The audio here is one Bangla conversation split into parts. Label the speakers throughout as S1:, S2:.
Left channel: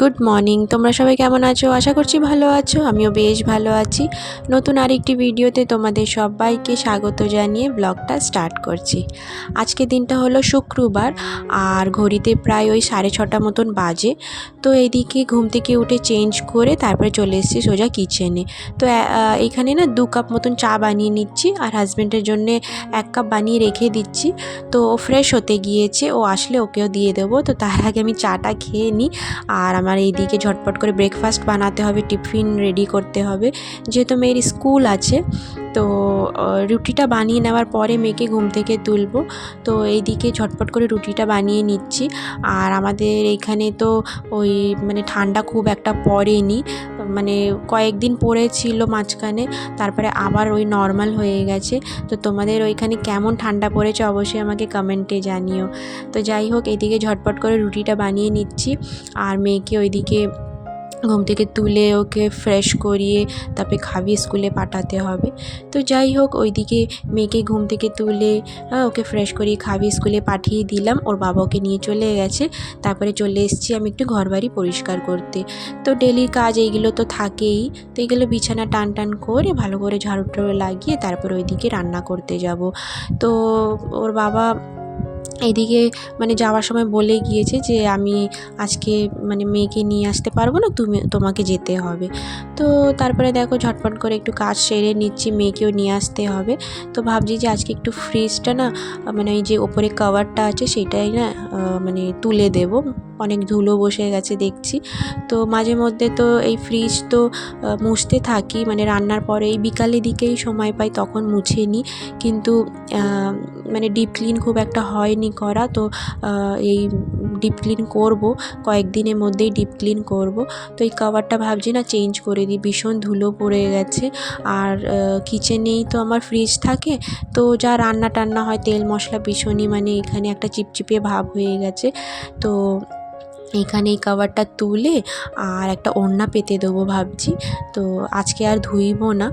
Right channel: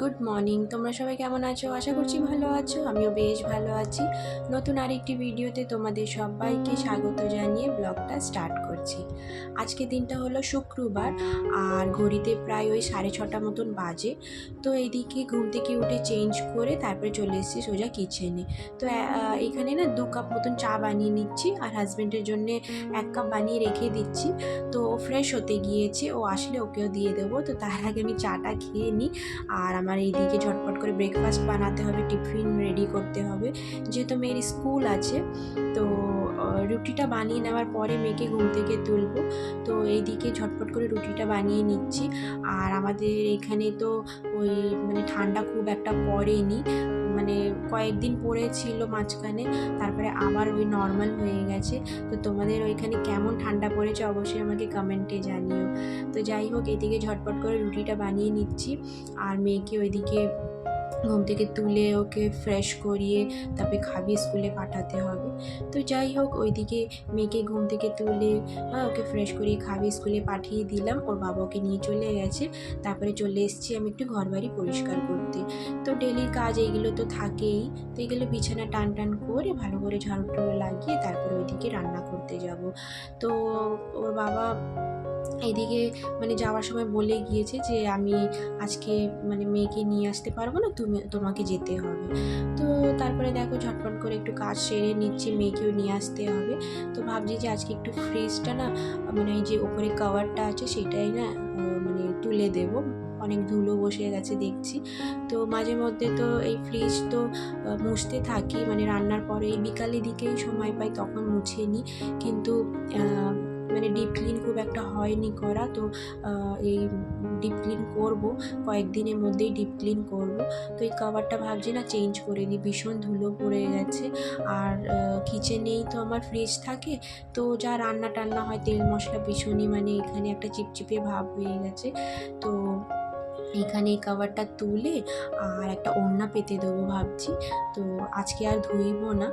S1: Good morning. তোমরা সবাই কেমন আছো? আশা করছি ভালো আছো। আমিও বেশ ভালো আছি। নতুন আরেকটি ভিডিওতে তোমাদের সবাইকে স্বাগত জানিয়ে ব্লগটা স্টার্ট করছি। আজকে দিনটা হলো শুক্রবার, আর ঘড়িতে প্রায় ওই সাড়ে ছটা মতন বাজে। তো এদিকে ঘুম থেকে উঠে চেঞ্জ করে তারপরে চলে এসেছি সোজা কিচেনে। তো এখানে না দু কাপ মতন চা বানিয়ে নিচ্ছি, আর হাজব্যান্ডের জন্যে এক কাপ বানিয়ে রেখে দিচ্ছি। তো ফ্রেশ হতে গিয়েছে, ও আসলে ওকেও দিয়ে দেবো। তো তার আগে আমি চাটা খেয়ে নিই, আর আমার এইদিকে ঝটপট করে ব্রেকফাস্ট বানাতে হবে, টিফিন রেডি করতে হবে। যেহেতু মেয়ের স্কুল আছে, তো রুটিটা বানিয়ে নেওয়ার পরে মেয়েকে ঘুম থেকে তুলবো। তো এইদিকে ঝটপট করে রুটিটা বানিয়ে নিচ্ছি। আর আমাদের এইখানে তো ওই মানে ঠান্ডা খুব একটা পড়েনি। মানে কয়েকদিন পড়েছিল মাঝখানে, তারপরে আবার ওই নর্মাল হয়ে গেছে। তো তোমাদের ওইখানে কেমন ঠান্ডা পড়েছে অবশ্যই আমাকে কমেন্টে জানিও। তো যাই হোক, এদিকে ঝটপট করে রুটিটা বানিয়ে নিচ্ছি। আর মেয়েকে ওইদিকে ঘুম থেকে তুলে ওকে ফ্রেশ করিয়ে তারপরে খাবিয়ে স্কুলে পাঠাতে হবে। তো যাই হোক, ওইদিকে মেয়েকে ঘুম থেকে তুলে ওকে ফ্রেশ করিয়ে খাবিয়ে স্কুলে পাঠিয়ে দিলাম। ওর বাবা ওকে নিয়ে চলে গেছে। তারপরে চলে এসেছি আমি একটু ঘরবাড়ি পরিষ্কার করতে। তো ডেলির কাজ এইগুলো তো থাকেই। তো এইগুলো বিছানা টান টান করে ভালো করে ঝাড়ু লাগিয়ে তারপর ওইদিকে রান্না করতে যাব। তো ওর বাবা এইদিকে মানে যাওয়ার সময় বলে গিয়েছে যে আমি আজকে মানে মেয়েকে নিয়ে আসতে পারব না, তুমি, তোমাকে যেতে হবে। তো তারপরে দেখো ঝটপট করে একটু কাজ সেরে নিচ্ছি, মেয়েকেও নিয়ে আসতে হবে। তো ভাবছি যে আজকে একটু ফ্রিজটা না মানে ওই যে ওপরে কভারটা আছে সেটাই না মানে তুলে দেব। অনেক ধুলো বসে গেছে দেখছি। তো মাঝে মধ্যে তো এই ফ্রিজ তো মুছতে থাকি মানে রান্নার পরে এই বিকালের দিকেই সময় পাই, তখন মুছে নিই কিন্তু মানে ডিপ ক্লিন খুব একটা হয়নি করা, তো এই ডিপ ক্লিন করব, কয়েকদিনের মধ্যেই ডিপ ক্লিন করব। তো এই কভারটা ভাবছি না চেঞ্জ করে দিই, ভীষণ ধুলো পড়ে গেছে। আর কিচেনেই তো আমার ফ্রিজ থাকে, তো যা রান্না টান্না হয়, তেল মশলা ভীষণই মানে এখানে একটা চিপচিপে ভাব হয়ে গেছে। তো এইখানে এই কাভারটা তুলে আর একটা ওড়না পেতে দেবো ভাবছি। তো আজকে আর ধুইব না।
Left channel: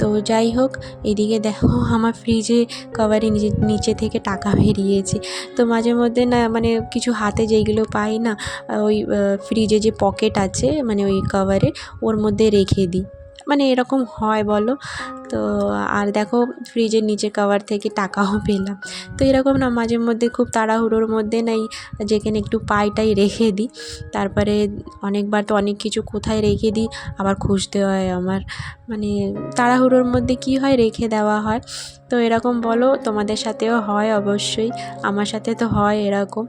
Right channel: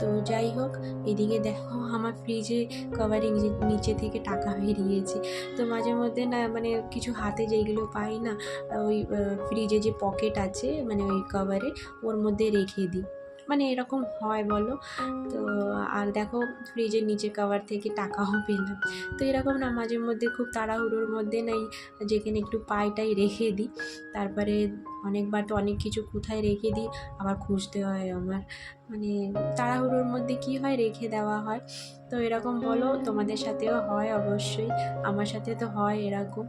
S1: তো যাই হোক, এদিকে দেখো আমার ফ্রিজে কাভারে নিচে থেকে টাকা বেরিয়েছে। তো মাঝে মধ্যে না মানে কিছু হাতে যেগুলো পাই না, ওই ফ্রিজে যে পকেট আছে মানে ওই কাভারে ওর মধ্যে রেখে দিই। মানে এরকম হয় বলো। তো আর দেখো ফ্রিজের নিচে কাভার থেকে টাকাও পেলাম। তো এরকম না মাঝে মধ্যে খুব তাড়াহুড়োর মধ্যে নাই, যেখানে একটু পাইটাই রেখে দিই। তারপরে অনেকবার তো অনেক কিছু কোথায় রেখে দিই, আবার খুঁজতে হয় আমার। মানে তাড়াহুড়োর মধ্যে কি হয়, রেখে দেওয়া হয়। তো এরকম বলো তোমাদের সাথেও হয় অবশ্যই। আমার সাথে তো হয় এরকম।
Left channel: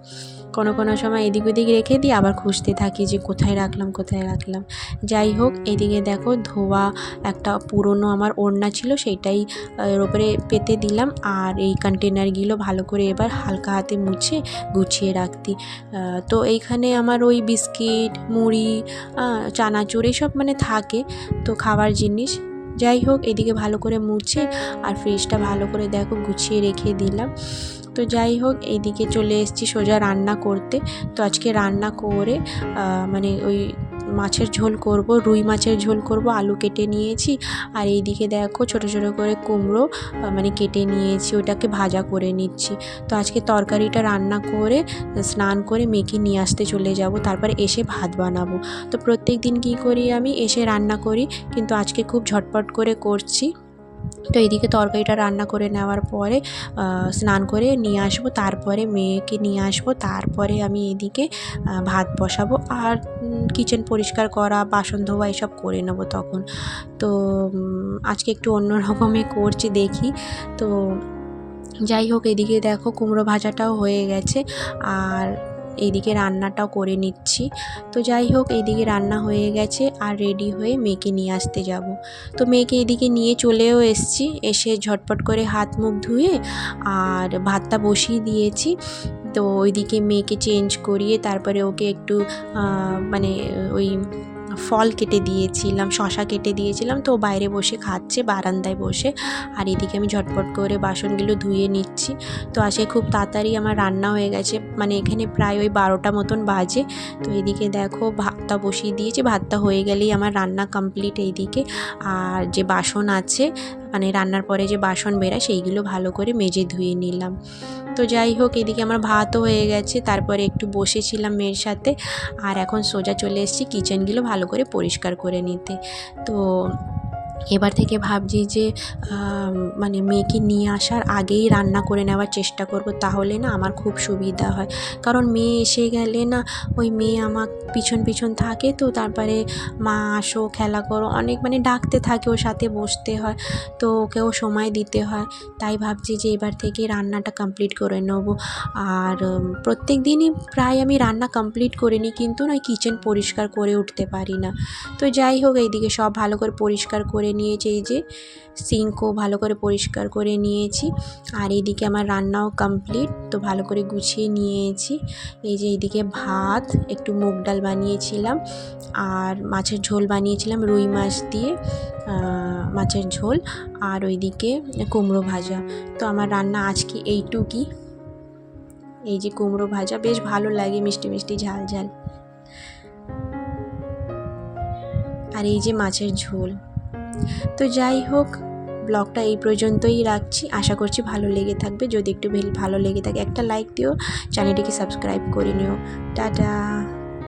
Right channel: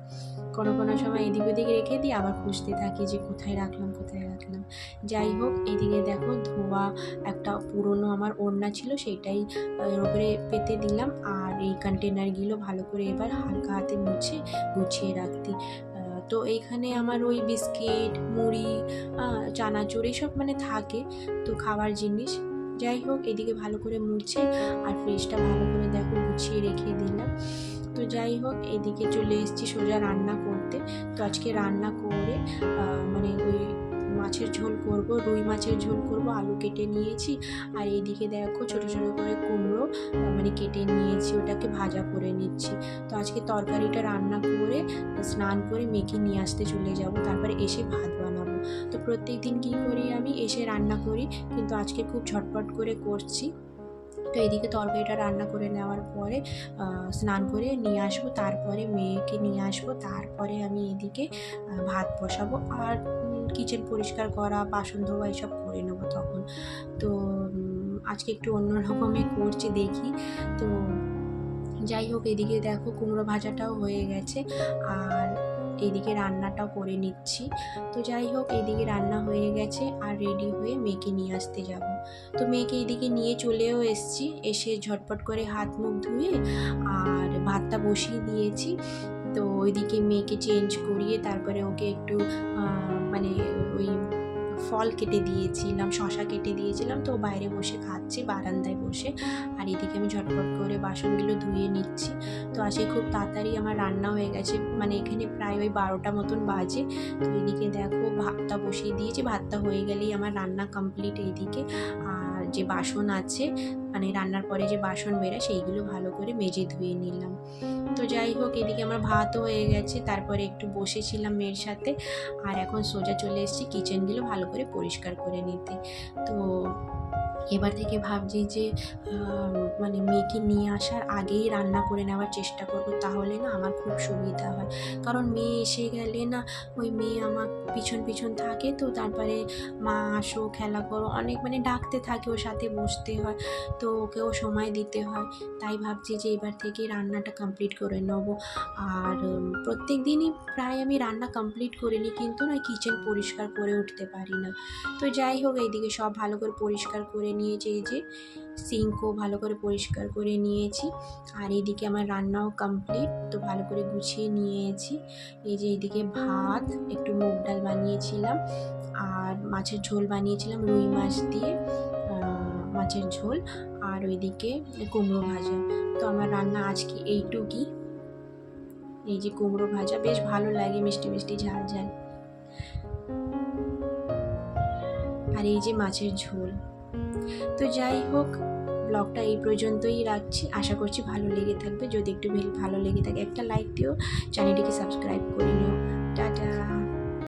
S1: কোনো কোনো সময় এদিক ওদিক রেখে দিই আবার খুঁজতে থাকি যে কোথায় রাখলাম কোথায় রাখলাম। যাই হোক এদিকে দেখো ধোয়া একটা পুরনো আমার ওড়না ছিল সেইটাই আহ, এর উপরে পেতে দিলাম। আর এই কন্টেনারগুলো ভালো করে এবার হালকা হাতে মুছে গুছিয়ে রাখতি। তো এইখানে আমার ওই বিস্কিট মুড়ি চানাচুর এসব মানে থাকে। তো খাবার জিনিস যাই হোক, এদিকে ভালো করে মুছে আর ফ্রিজটা ভালো করে দেখো গুছিয়ে রেখে দিলাম। তো যাই হোক এইদিকে চলে এসেছি সোজা রান্না করতে। তো আজকে রান্না করে মানে ওই মাছের ঝোল করব, রুই মাছের ঝোল করব, আলু কেটে নিয়েছি। আর এইদিকে দেখো ছোট ছোট করে কুমড়ো মানে কেটে নিয়েছি, ওটাকে ভাজা করে নিচ্ছি। তো আজকে তরকারিটা রান্না করে, স্নান করে মেয়েকে নিয়ে আসতে চলে যাব, তারপর এসে ভাত বানাবো। তো প্রত্যেক দিন কী করি আমি? এসে রান্না করি, কিন্তু আজকে খুব ঝটপট করে করছি। তো এইদিকে তরকারিটা রান্না করে নেওয়ার পরে স্নান করে নিয়ে আসব, তারপরে মেয়েকে নিয়ে আসব, তারপরে আমি এদিকে ভাত বসাবো। আর কিচেন পরিষ্কার করা, বাসন ধোয়া এসব করে নেব তখন। তো আজকে একটু অন্য রকমে করছি দেখি। তো, যাই হোক, এদিকে দেখো কুমড়ো ভাজাটাও হয়ে গেছে। আর এইদিকে রান্নাটাও করে নিচ্ছি। তো যাই হোক এইদিকে রান্না হয়ে গেছে আর রেডি হয়ে মেয়েকে নিয়ে আসতে যাব। তো মেয়েকে এদিকে নিয়ে চলেও এসছি। এসে ঝটপট করে হাত মুখ ধুয়ে আর ভাতটা বসিয়ে দিয়েছি। তো ওইদিকে মেয়েকে চেঞ্জ করিয়ে তারপরে ওকে একটু মানে ওই ফল কেটে দিয়েছিলাম, শশা কেটে দিয়েছিলাম। তো বাইরে বসে খাচ্ছে, বারান্দায় বসে। আর এদিকে আমি ঝটপট করে বাসনগুলো ধুয়ে নিচ্ছি। তো আসে খুব তাড়াতাড়ি আমার রান্না হয়ে গেছে। মানে এখানে প্রায় ওই বারোটা মতন বাজে। তো এদিকে দেখো ভাতটা বসিয়ে দিয়েছি। ভাতটা হয়ে গেলেই আমার রান্না কমপ্লিট এইদিকে। আর যে বাসন আছে মানে রান্নার পরে যে বাসন বেরায় সেইগুলো ভালো করে মেজে ধুয়ে নিলাম। তো যাই হোক, এদিকে আমার ভাতও হয়ে গেছে, তারপরে একটু বসেছিলাম মেয়ের সাথে আর এখন সোজা চলে এসেছি কিচেনগুলো ভালো করে পরিষ্কার করে নিতে। তো এবার থেকে ভাবছি যে মানে মেয়েকে নিয়ে আসার আগেই রান্না করে নেওয়ার চেষ্টা করব, তাহলে না আমার খুব সুবিধা হয়। কারণ মেয়ে এসে গেলে না ওই মেয়ে আমার পিছন পিছন থাকে তো, তারপরে মা আসো, খেলা করো, অনেক মানে ডাকতে থাকে ওর সাথে বসতে হয়, তো ওকেও সময় দিতে হয়। তাই ভাবছি যে এবার থেকে রান্নাটা কমপ্লিট করে নেব। আর প্রত্যেক দিনই প্রায় আমি রান্না কমপ্লিট করে নিই, কিন্তু না কিচেন পরিষ্কার করে উঠতে পারি না। তো যাই হোক, এইদিকে সব ভালো করে পরিষ্কার করে নিয়েছি, এই যে সিঙ্কও ভালো করে পরিষ্কার করে নিয়েছি। আর এইদিকে আমার রান্নাও কমপ্লিট তো ভালো করে গুছিয়ে নিয়েছি। এই যে এইদিকে ভাত, একটু মুগ ডাল বানিয়েছিলাম আর মাছের ঝোল বানিয়েছিলাম, রুই মাছ দিয়ে মাছের ঝোল আর ওইদিকে কুমড়ো ভাজা। তো আমার রান্না আজকে এইটুকুই এই যে কুমড়ো ভাজা, বেশ ভালো লাগে মিষ্টি মিষ্টি ঝাল ঝাল। আর এই যে মাছের ঝোল। তো যাই হোক, ব্লগটা এই পর্যন্তই রাখছি। আশা করছি ভালো লেগে থাকবে। যদি একটু ভালো লেগে থাকে, একটা লাইক দিও। চ্যানেলটিকে সাবস্ক্রাইব করে নিও। টাটা!